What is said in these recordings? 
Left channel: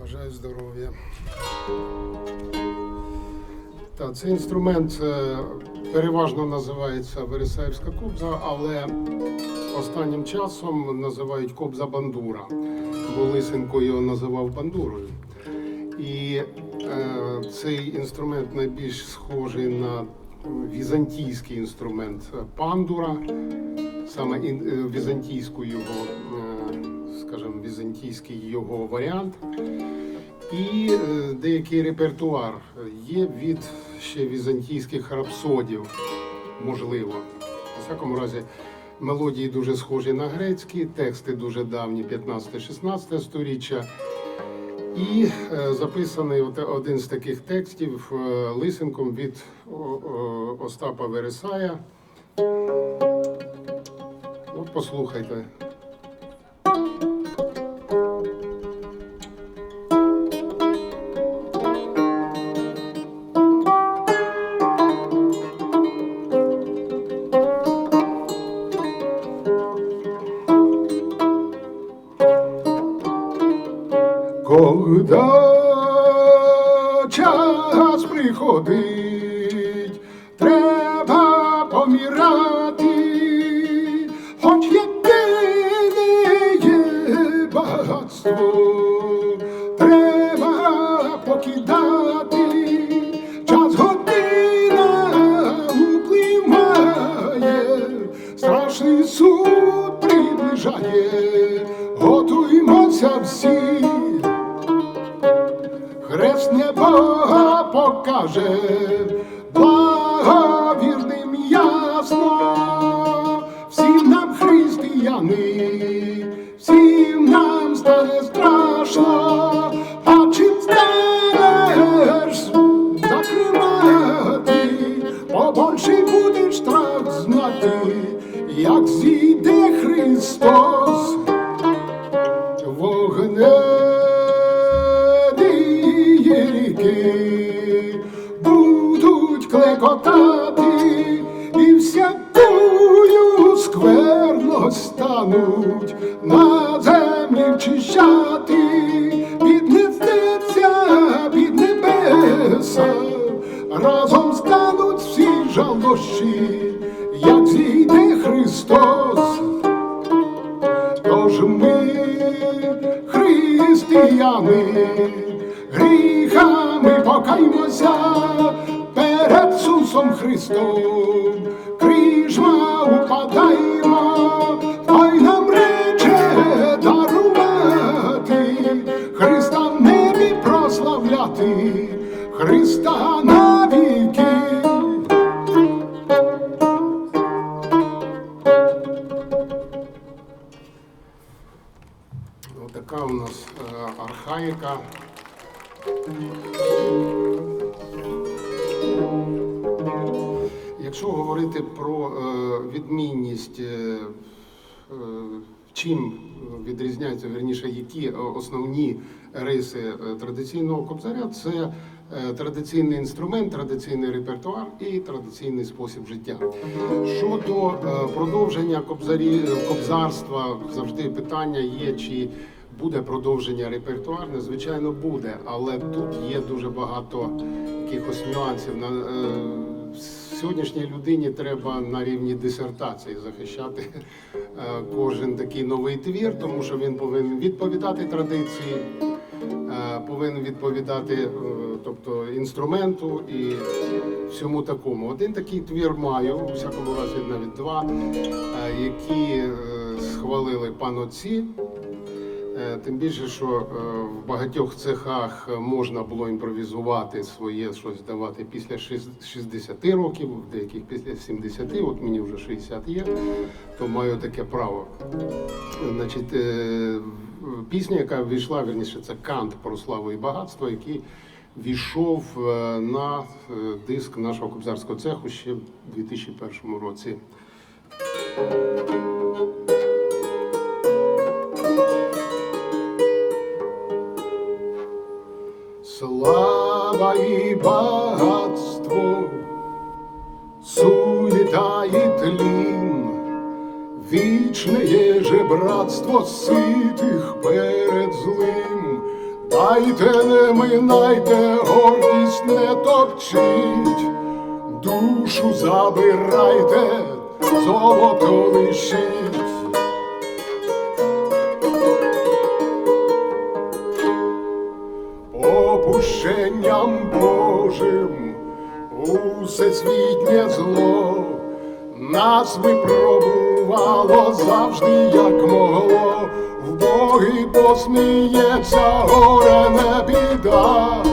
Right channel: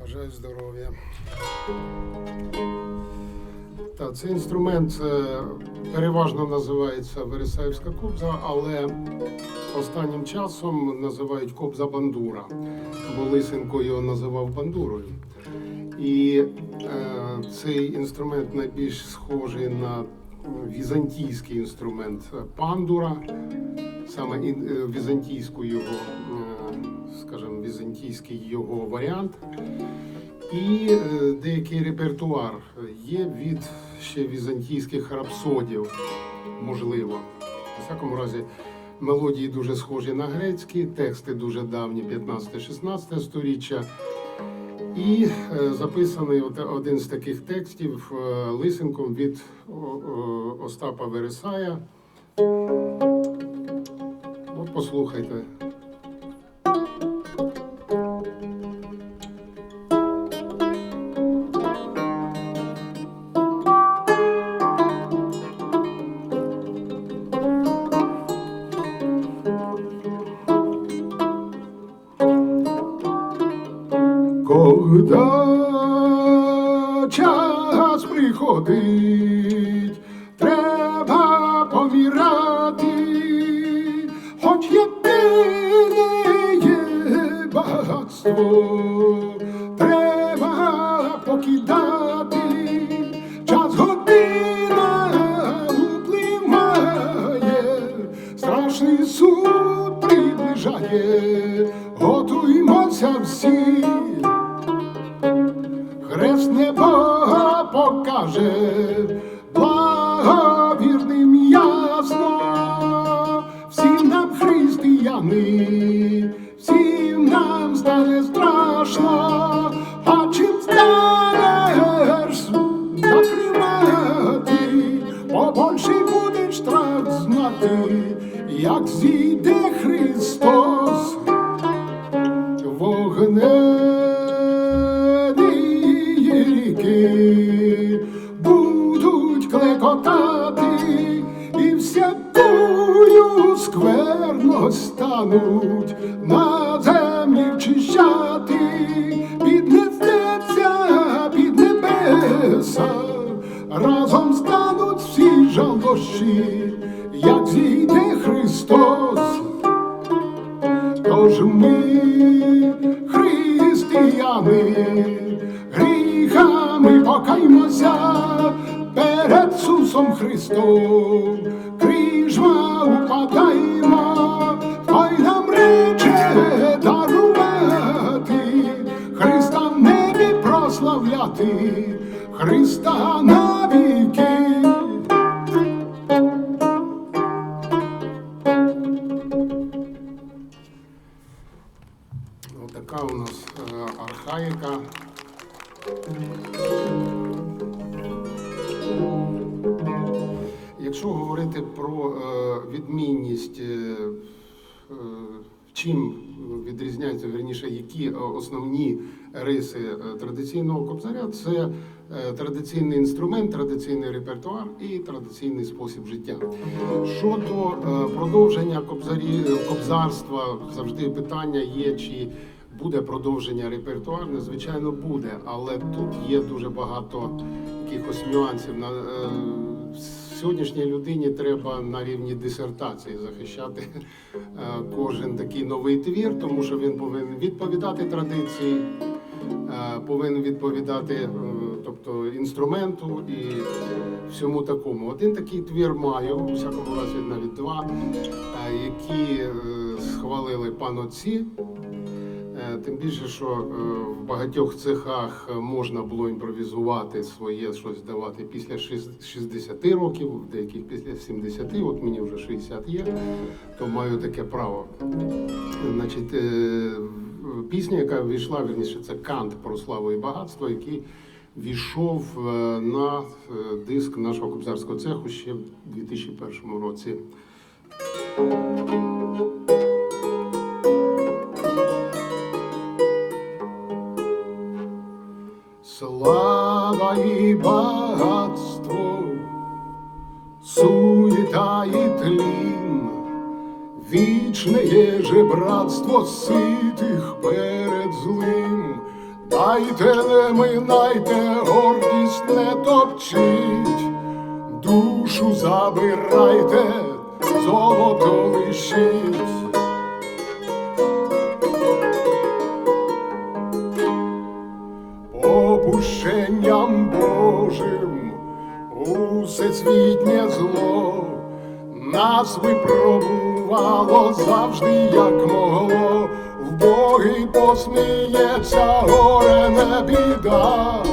Бажаю здоров'я. Так, цей інструмент е, переважно називається Вересаївська кобза, але останнім часом називають кобза бандура, бо Лисенко його називав бандурою. І е, цей інструмент найбільш схожий на візантійський інструмент пандура, саме е, візантійську його, е, скажімо, візантійський його варіант. І е, деякий репертуар є від ще візантійських рапсодів, можливо. У всякому разі, мелодії дуже схожі на грецькі, тексти дуже давні, 15-16 сторіччя. І е, записаний один з таких текстів е, лисенком від Остапа Вересая. Послухайте. Час приходить, треба помирати, хоч єдине є багатство, треба покидати, час година upливає, страшний суд приближає, готуймося всі. Покаже, благовірним ясно, всім нам християни, всім нам стане страшно, клекотати і всякую скверно стануть на землі вчищати, піднесеться під небеса, разом стануть всі жалощі, як зійде Христос. Тож ми, християни, гріхами покаймося перед Сусом Христом, крижма упадаємо, Хай нам рече дарувати, Христа небі прославляти, Христа навіки. Отака у нас е, архаїка. Якщо говорити про е, відмінність, е, е, чим відрізняються, верніше, які основні риси традиційного кобзаря, це традиційний інструмент, традиційний репертуар і традиційний спосіб життя. Щодо продовження кобзарі, кобзарства, завжди питання є, чи буде продовження репертуарне, звичайно, буде, але тут є дуже багато якихось нюансів. На сьогоднішній людині треба на рівні дисертації захищати е, кожен такий новий твір, тому що він повинен відповідати традиції, е, повинен відповідати е, тобто, інструменту і всьому такому. Один такий твір маю, у всякому разі навіть два, які схвалили панотці. Тим більше, що е, в багатьох цехах можна було імпровізувати своє щось давати після 60 років, деяких після 70, от мені вже 60 є, то маю таке право. Значить, е, пісня, яка війшла, верніше, це кант про славу і багатство, який війшов е, на диск нашого кобзарського цеху ще в 2001 році. І багатство, суета і тлін, вічне є же братство ситих перед злим, Дайте, не минайте, гордість не топчіть, душу забирайте, золото лишіть. Нас випробувало завжди, як могло. В Боги посміється, горе не біда,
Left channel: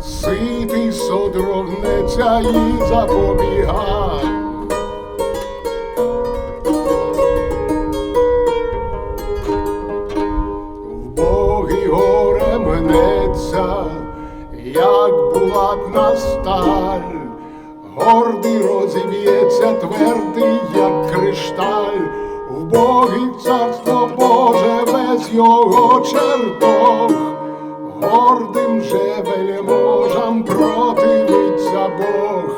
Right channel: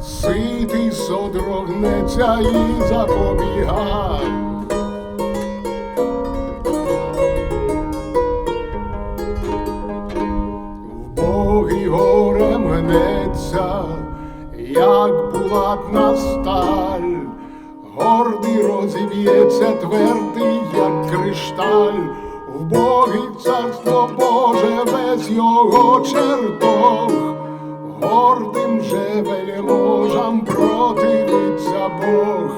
ситий содрогнеться і запобіга. Гордий розіб'ється, твердий, як кришталь, в Боги царство Боже весь його чертог, гордим же вельможам противиться Бог.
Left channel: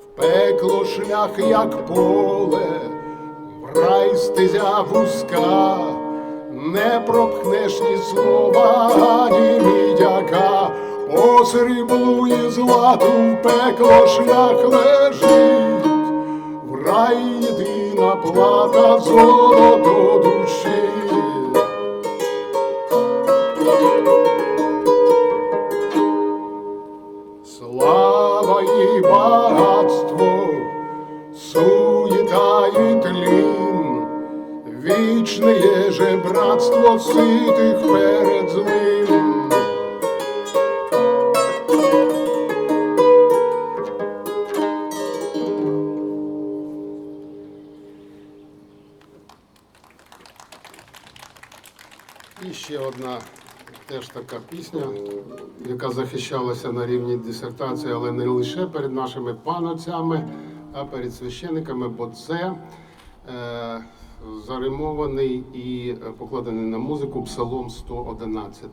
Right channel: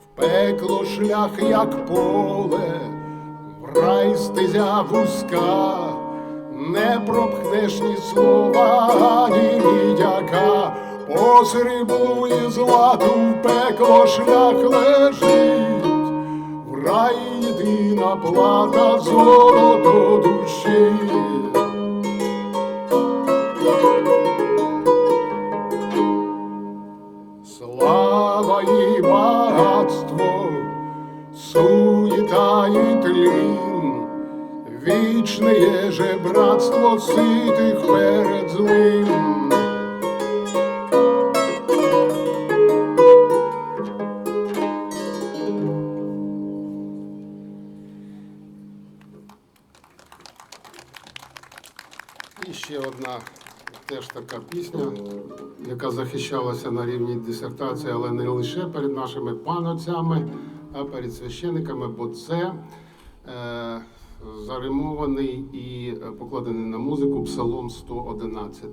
В пекло шлях, як поле, в рай стезя вузька, не пропхнеш ні слова, ні мідяка, по сріблу і злату в пекло шлях лежить, в рай єдина плата золото душі. Вічне же братство ситих перед злим. І ще одна теж така пісня, яка захищалася на рівні дисертації, але не лише перед нашими панотцями, а перед священниками, бо це е, заримований і покладений на музику Псалом 111.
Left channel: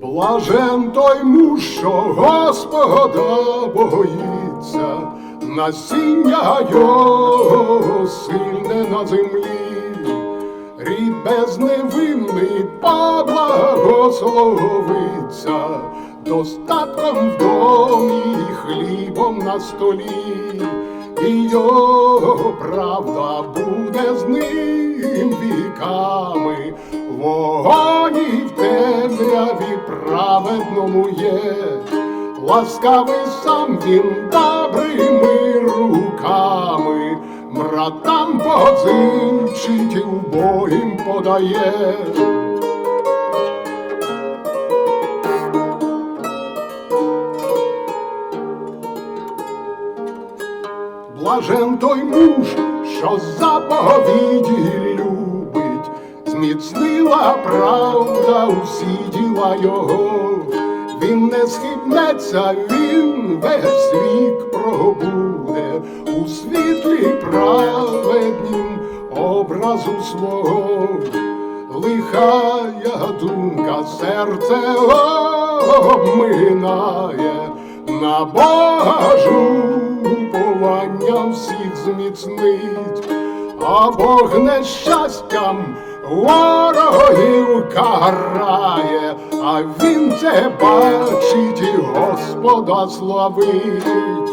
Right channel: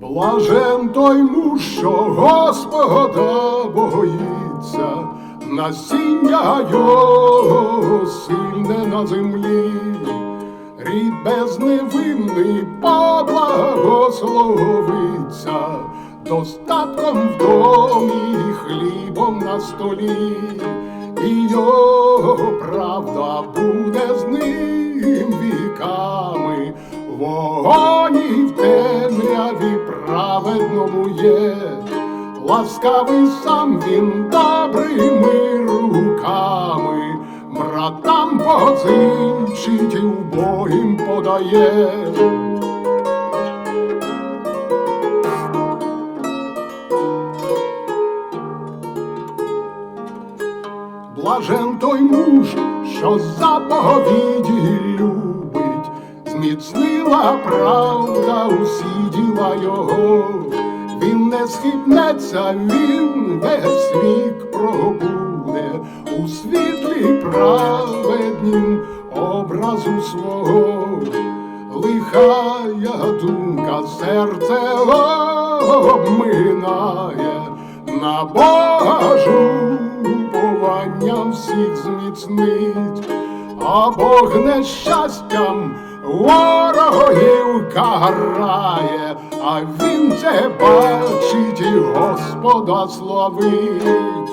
Блажен той муж, що Господа боїться, насіння його сильне на землі, рід безневинний поблагословиться, достатком в домі, і хлібом на столі, і його правда буде з ним віками. Вогонь і в темряві праведному є, ласкавий сам він добрими руками, братам позичить і убогим подає. Блажен той муж, що заповіді любить, зміцнила правда усі діла його, він не схибнеться, він весь вік пробуде у світлі праведнім образу свого, лихая думка серце обминає, на Бога уповання всіх зміцнить, а Бог нещастям ворогів карає, а він це бачить і Господа славить.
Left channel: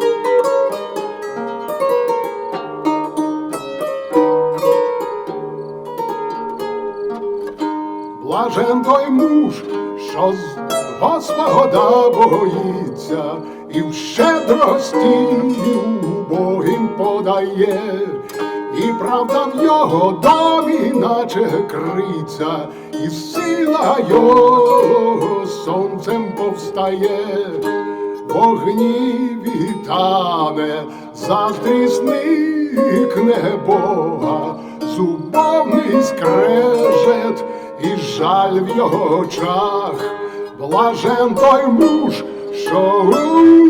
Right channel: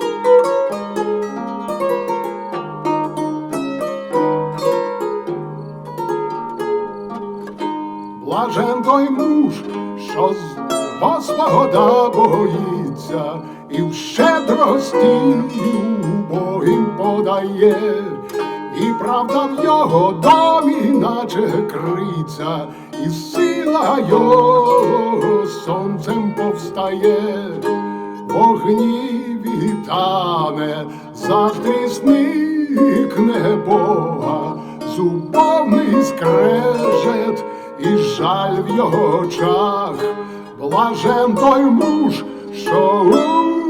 Блажен той муж, що з Господа боїться, і в щедрості убогим подає, і правда в його домі, наче криця, і сила його сонцем повстає, вогні вітане, заздрісникне Бога, зубовний скрежет і жаль в його очах, блажен той муж, що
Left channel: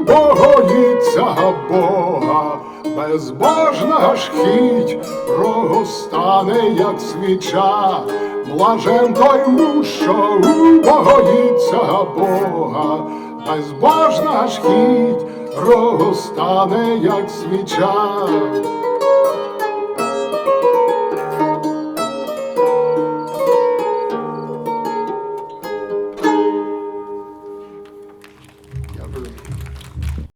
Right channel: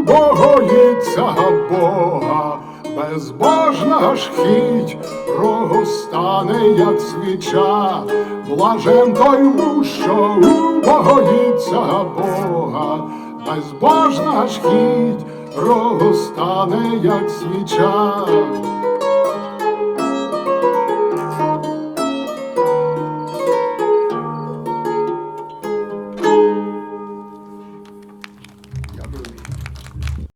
боїться Бога, безбожна ж хіть, рогостане, як свіча, блажен той муж, що боїться Бога, безбожна ж хіть, рогостане, як свіча.